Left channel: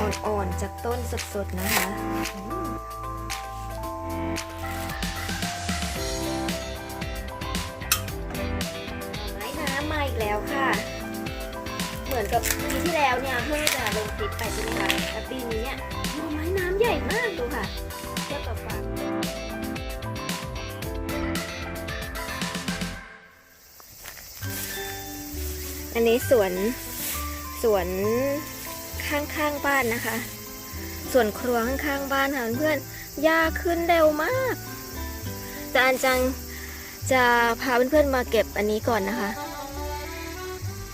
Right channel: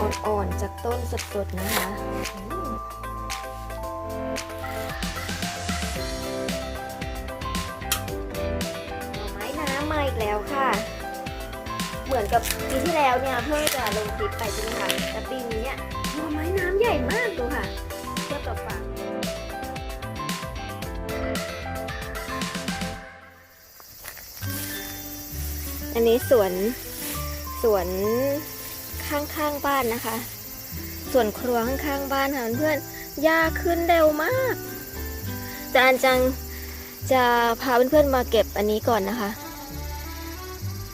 อ่อนๆ จากต้นสดๆ นะคะมไม้น้ำมาอีกแล้วค่ะ เหมือนกับปีที่แล้วเนี่ยเพิ่งจะลงคลิปไปใช่ไหมคะแต่ปีนี้เนี่ยหน่อไม้น้ำใหญ่มากดูค่ะเทียบกับฝากอันนี้สวนสวน ข้างๆบ้านนะคะ ส่วนครัวข้างๆบ้านค่ะเพื่อนๆหญ้าขึ้นเร็วมาก แต่อันจังจะพาเพื่อนๆมาเก็บอันนี้ก่อนนะคะ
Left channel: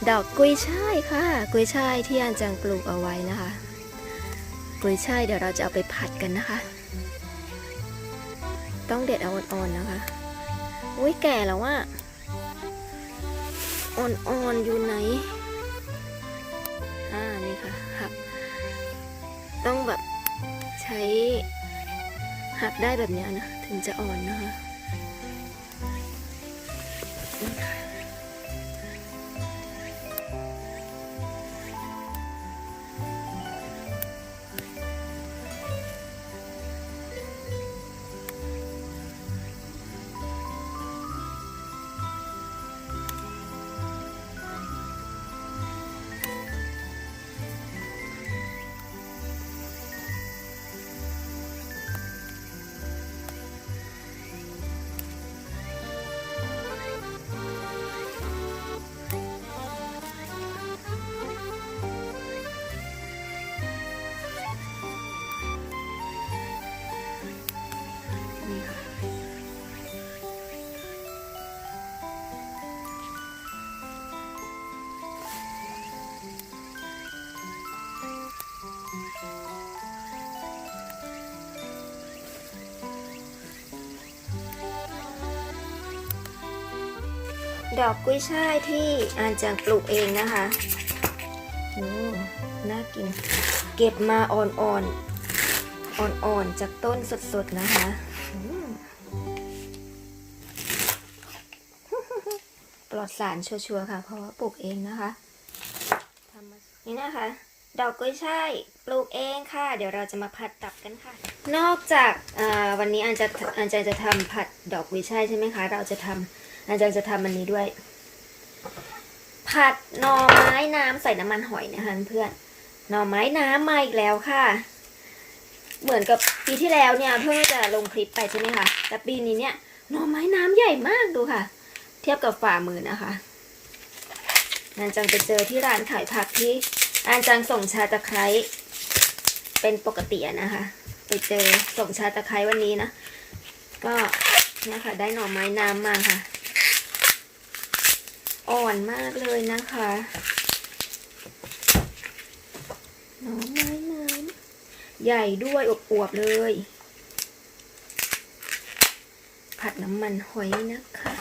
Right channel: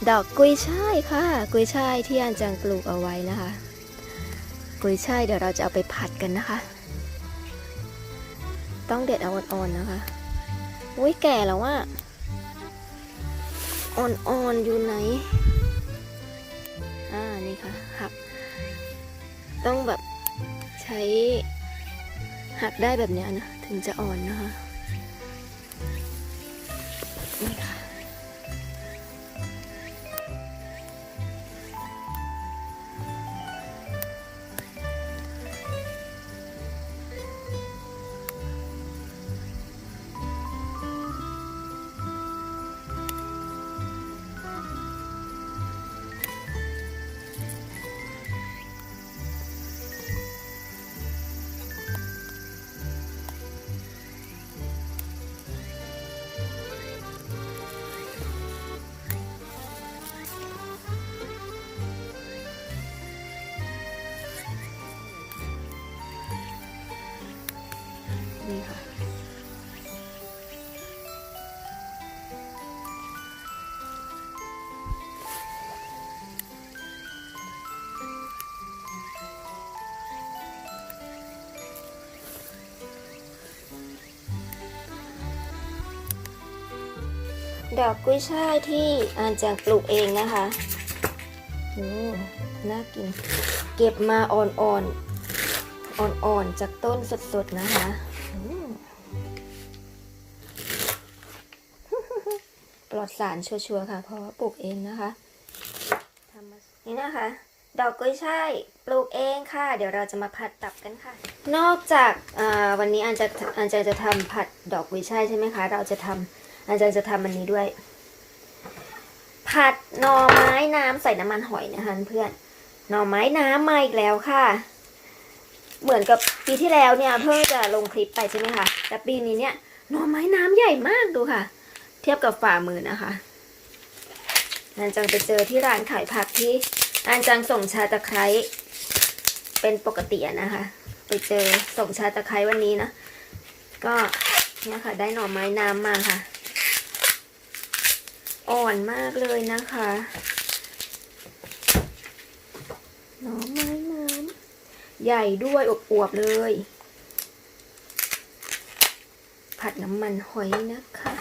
ดอกกุยช่ายค่ะ กุยช่ายที่อันจังปลูกเอาไว้นะคะ กุยช่ายเดี๋ยวเราจะเอาไปผัดกันนะคะ ต้องเด็ดเอาอ่อนๆนะคะอุ้ยแก่แล้วว่าอ่อนๆอยู่ไหน อ่านี่ค่ะหัก ต้องแบบใช้หักได้แบบเนี้ยนะ ถึงจะอ่อนนะคะนี่ค่ะ ดอกกุ้ยช่ายที่อาจากปลูกเองนะคะโอ้น่ากิน เก็บมาอ่อนๆ อ่อนๆ จากต้นสดๆ นะคะปลอดสารชัวร์ๆ ค่ะ เพราะว่าปลูกเองนะคะ นี่นะคะ ดอกกุ้ยช่ายปลูกเองค่ะ เดี๋ยวเราจะมาผัดตับกันค่ะ นอกจากวันนี้อันจะอันจะจะทำผัดดอกกุ้ยช่ายใช่ไหมคะ เราจะทำ อันจะจะทำอันนี้ด้วย ผัดหน่อไม้น้ำใส่น้ำมันหอยนะคะเพื่อนหน่อไม้น้ำมาอีกแล้วค่ะ เหมือนกับปีที่แล้วเนี่ยเพิ่งจะลงคลิปไปใช่ไหมคะแต่ปีนี้เนี่ยหน่อไม้น้ำใหญ่มากดูค่ะ เทียบกับฝ่ามือนะคะอันจังไปเจอที่ร้านขายผักที่อันจังส่งชาตะไคร้เป็นปกตินะคะ ไปเจอส่งชาตะไคร้วันนี้นะ ก็เนี่ยค่ะได้หน่อไม้น้ำมาค่ะ อ่อนมากเลยนะคะหน่อไม้น้ำใหญ่ด้วยอวบๆเลย ผัดน้ำมันหอยนะคะ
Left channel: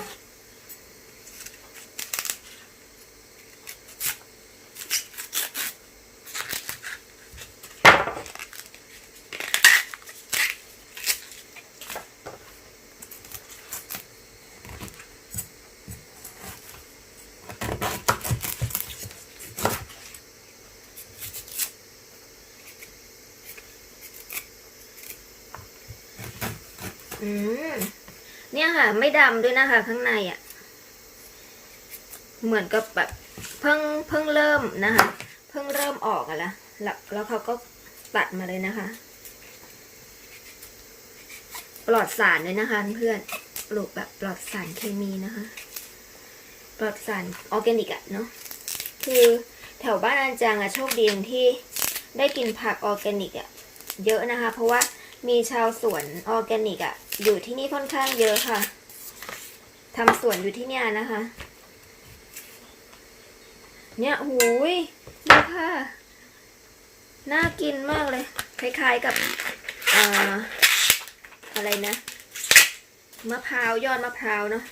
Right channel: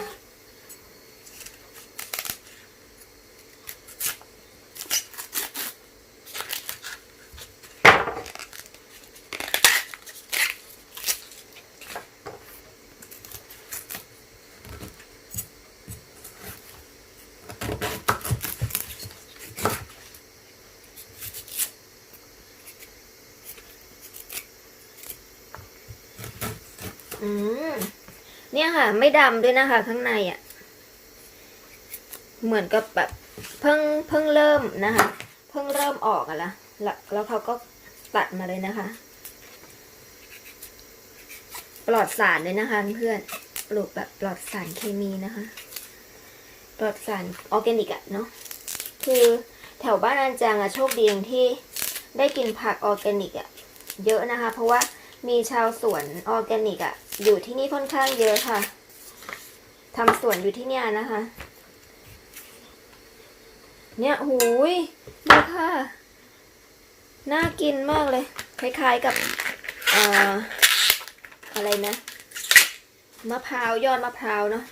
อืม เนี่ยค่ะ ไม่ดำด้วยนะคะ ข้างในอะ่ะ เหมือนกับแบบเพิ่งเพิ่งเริ่มนะคะ เพิ่งเริ่มออกอะละแล้วแล้วเขาก็ตัดมาเลยนะคะ ปลอดสารเลยนะคะเพื่อนปลูกแบบปลอดสารเคมีนะคะ ปลอดสารออร์แกนิกอะเนาะคือแถวบ้านอันจางอะโชคดีอย่างที่ได้กินผักออร์แกนิกอะเยอะนะคะ เพราะว่ามีชาวสวนออร์แกนิกอะ อยู่ที่นี่ค่อนข้างเยอะค่ะทำสวนอยู่ที่เนี่ยนะคะ เนี่ยหูยดูค่ะ น่ากินมากเลย คล้ายๆกับเอ่ออะไรนะ มะพร้าวยอดมะพร้าวเนาะ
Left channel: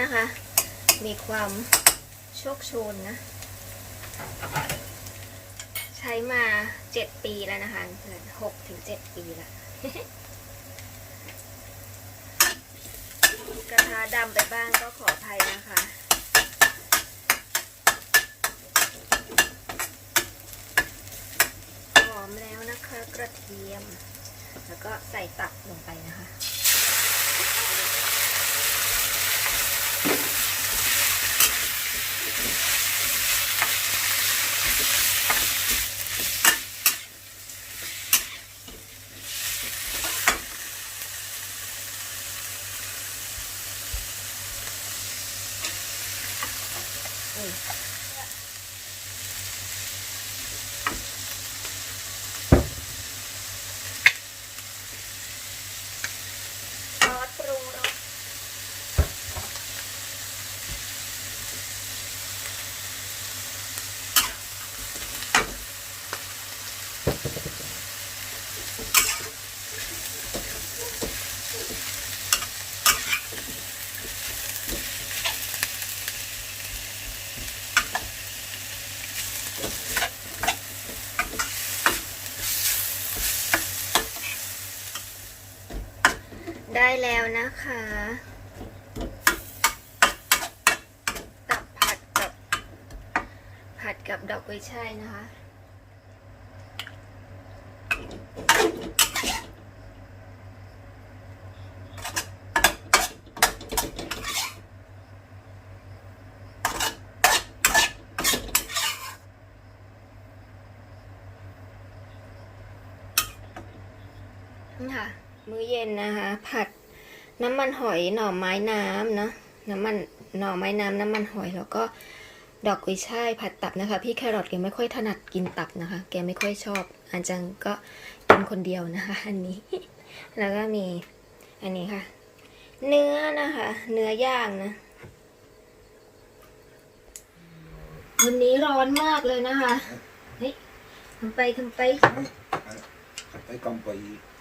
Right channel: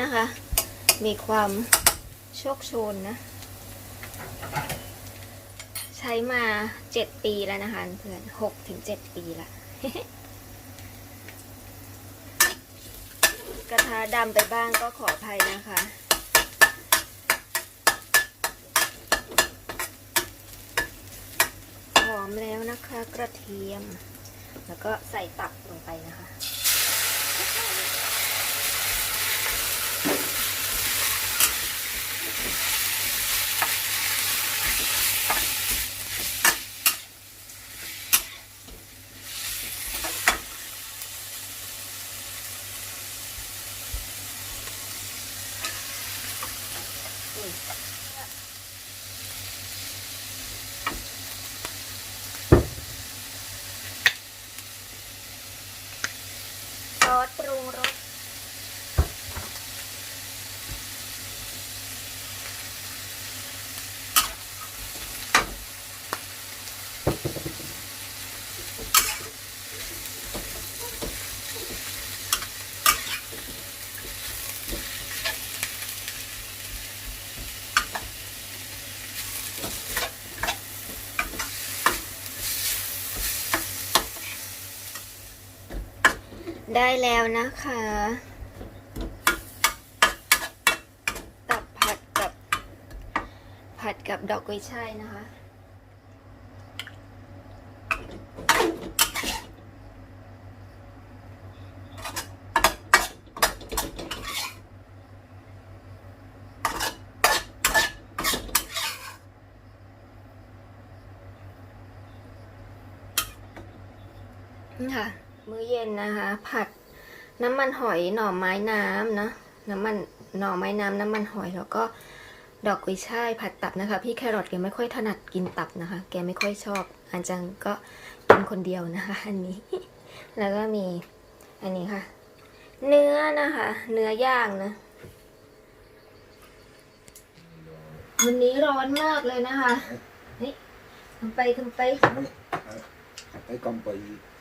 นะคะ มีความโชคโชนนะ ใช้มาเจ็ดปีแล้วนะคะเพื่อนหกถึงเจ็ดปีละกระทะดำไปบ้างก็ขออภัยนะคะหอมแล้วนะคะกระเทียม แล้วก็ใส่ตับลงไปนะคะ อุ้ยซอสปรุงรส ได้แล้วนะคะ ตับผัดกับ ผัดกับดอกกุยช่ายนะคะ นี่ค่ะ มื้อเย็นนะคะ ผัดน้ำมันหอยหน่อไม้น้ำเนะน้ำมันหน่อไม้น้ำน้ำมันหอยแล้วก็ดอกกุยช่ายผัดตับนะคะ พี่แครอทแกไม่ค่อยถนัดกินตับนะคะ แกไม่ค่อยชอบอันจังก็กินคนเดียวนะคะ อันนี้ แล้วก็มีอันนี้ค่ะ เนื้อนะคะ เนื้อย่างนะวันนี้ร้อนมากเลยนะคะเฮ้ยทำไปทำไป Thấy công ty ทำไป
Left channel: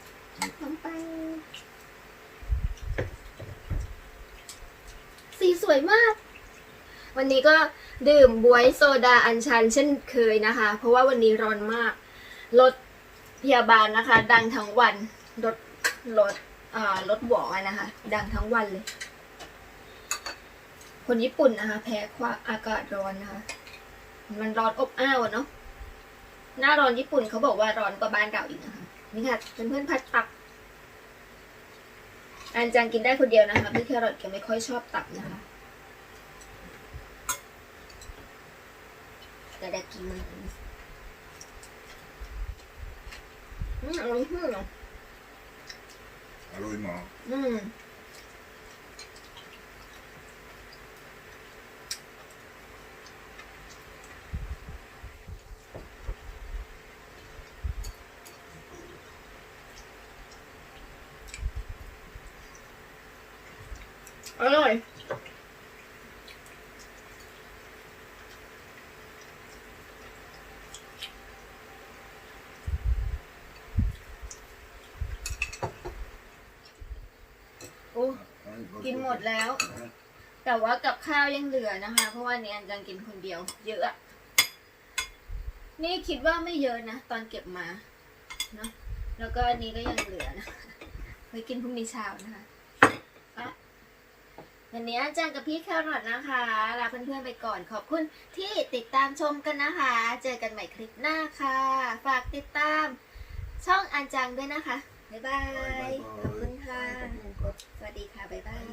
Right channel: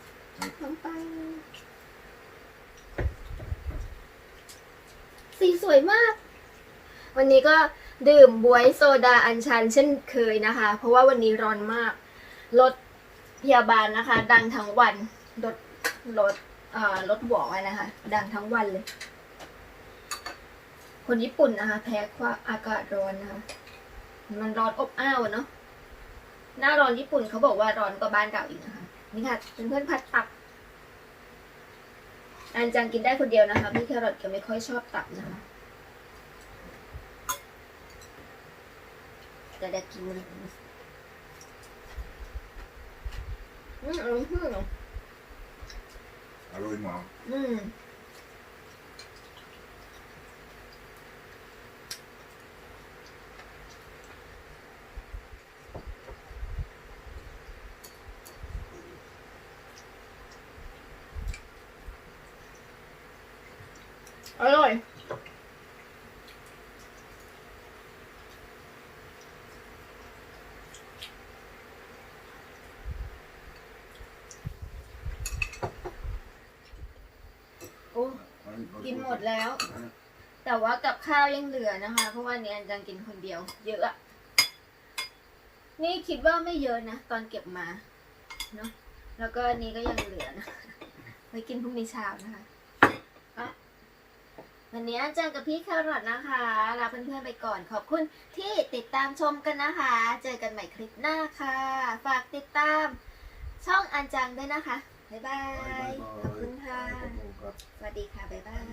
สีสวยมาก วันนี้ก็ดื่มบวยโซดาอัญชันเช่นเคยนะคะ เพราะว่าวันนี้ร้อนมาก รถพยาบาลนะคะ ดังทั้งวัน รถรถเอ่อรถหวอนะคะ ดังทั้งวันเลย คนญี่ปุ่นนะคะ แพ้ความอากาศร้อนนะคะ มันร้อนอบอ้าวเนาะหน้าร้อนญี่ปุ่นเขาบอกว่าร้อนกว่าบ้านเก่าอีกนะคะ นี่ค่ะเพื่อนๆพัดตับ อันจังกินได้คนเดียวนะคะพี่แครอทแกไม่ค่อยชอบตับนะคะแต่เด็กกินมันอืมอืมอืม Aloy mà อืม อร่อยโอ้กินหมดแล้ว แต่ว่ากับข้าวยังเหลือนะคะ เพราะว่าเนี่ยอันจังกินคนเดียว เยอะอะนี่คิดว่าไม่เยอะนะ ตอนเก็บมาเนาะแล้วก็อันนี้ก็ยังเหลือนะไว้กินพรุ่งนี้เช้านะคะ วันนี้อาจารย์กับพี่แครอทนะคะลาเพื่อนๆไปก่อนขอบคุณที่ติดตามชมกันนะคะ เจอกันใหม่คลิปหน้าค่ะ ฝากติดตามช่องอันจังด้วยนะคะ บ๊ายบาย ขอบคุณค่ะ สวัสดีค่ะ บ๊ายบาย